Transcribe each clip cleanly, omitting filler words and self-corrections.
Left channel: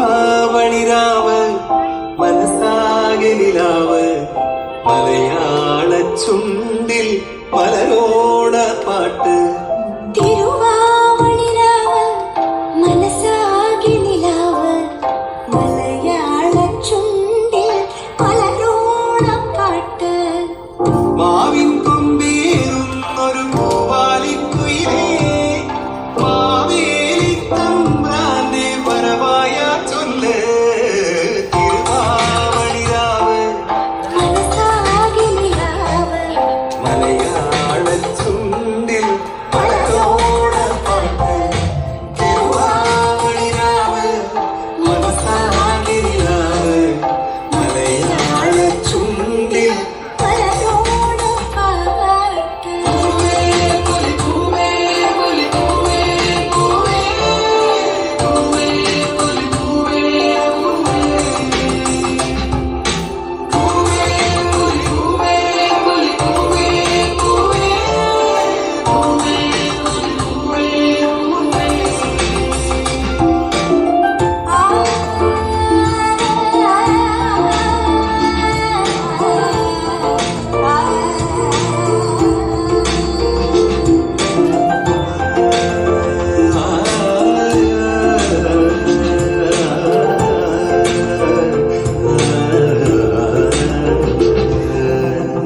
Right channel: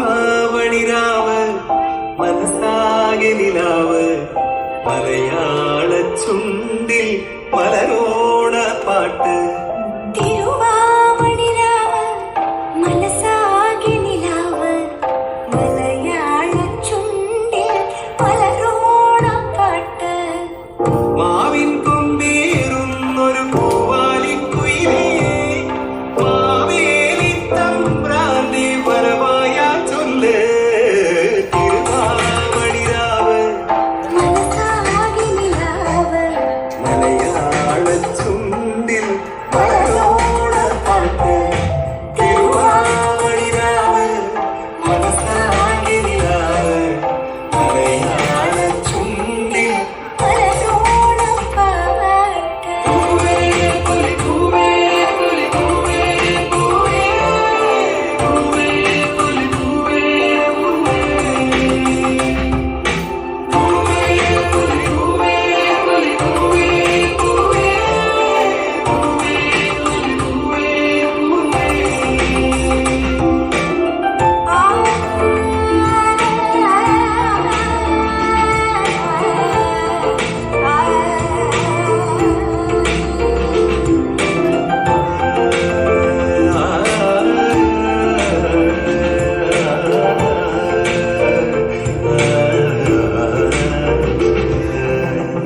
തിരുവാവണിരാവ് മനസ്സാകെ നിലാവ് മലയാള ചുണ്ടിൽ മലരോണ പാട്ട്. തിരുവാവണിരാവ് മനസ്സാകെ നിലാവ് മലയാള ചുണ്ടിൽ മലരോണ പാട്ട്. മാവിൻ കൊമ്പേറുന്നൊരു പൂവാലിക്കുയിലേ മാവേലി തമ്പ്രാന്റെ പരമായ ചൊല്ല്. തിരുവാവണിരാവ് മനസ്സാകെ നിലാവ് മലയാള ചുണ്ടിൽ മലരോണ പാട്ട്. തിരുവാവണിരാവ് മനസ്സാകെ നിലാവ് മലയാള ചുണ്ടിൽ മലരോണ പാട്ട്. പൂവേ പൂവേ പൂവേ പൂവേ പൂവേ പൂവേ പൂവേ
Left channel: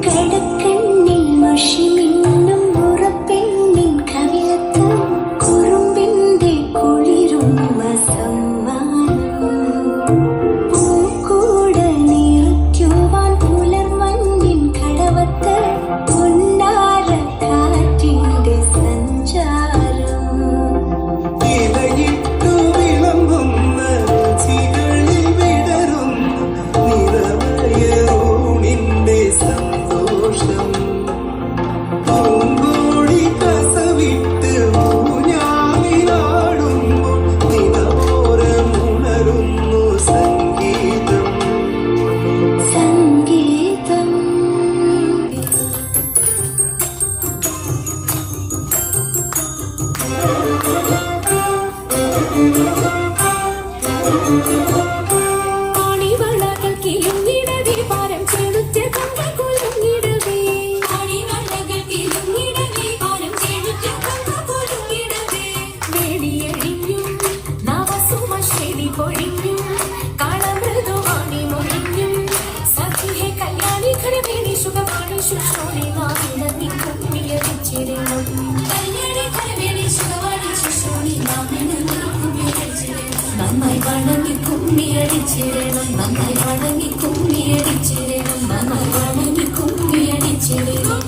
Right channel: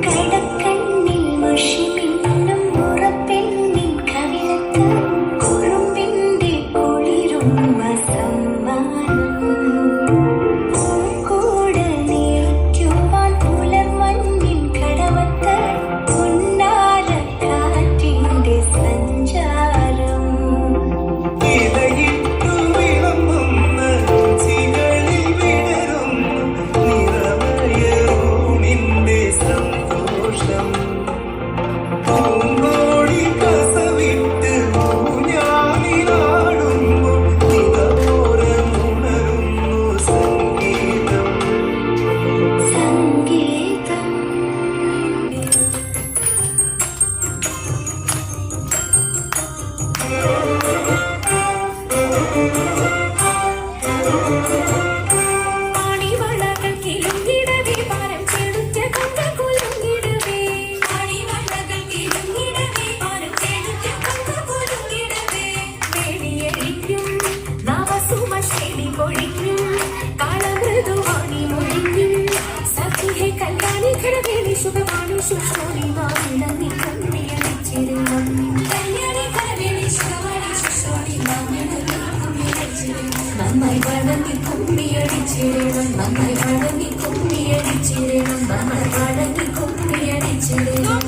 കടക്കണ്ണിൽ മഷിമിന്നും മുറപ്പെണ്ണിൻ കവിളത്ത് കുറുമ്പിന്റെ കുളിരുമ്മ സമ്മാനം. പൂക്കൂട് നിറയ്ക്കുവാൻ പുലർമഞ്ഞിൻ കടവത്ത് ഉന്നാര കാറ്റിന്റെ സഞ്ചാരം. ഇലയിട്ടു വിളമ്പുന്ന രുചികളിൽ വിടരുന്ന നിറമയൂണിന്റെ സന്തോഷം. പൂങ്കോഴി കസവിട്ട് ഊഞ്ഞാലിലാടുമ്പോൾ നിറമോരമുണരുന്നു സംഗീതം. സംഗീതം ആണിവളകൾ കിളിഞ്ഞിടവേ പാരം ചെളുത്ത കങ്ങൾ കുലുങ്ങിടവേ. ആണിവളകൾ കിളിഞ്ഞിടവേ പാരം ചെളുത്ത കങ്ങൾ കുലുങ്ങിടവേ. വേടിയഴിഞ്ഞും നവസുമശേലി പൊഴിഞ്ഞും കളമൃദുവാണി മൊഴിഞ്ഞും സഖിയെ കല്യാണി കരവേണി ശുഭവാണി ശുശ്രൂഷി നാമിനന്ദി കുമ്പിയടിച്ചിരുന്നു. കല്യാണി കരവേണി ശുഭവാണി ശുശ്രൂഷി നാമിനന്ദി കുമ്പിയടിച്ചിരുന്നു. നന്നായി വണങ്ങി കുമ്മിയടിച്ചിരണം, നന്നായി വണങ്ങി കുമ്മിയടിച്ചിരണം, നന്നായി വണങ്ങി കുമ്മിയടിച്ചിരണം.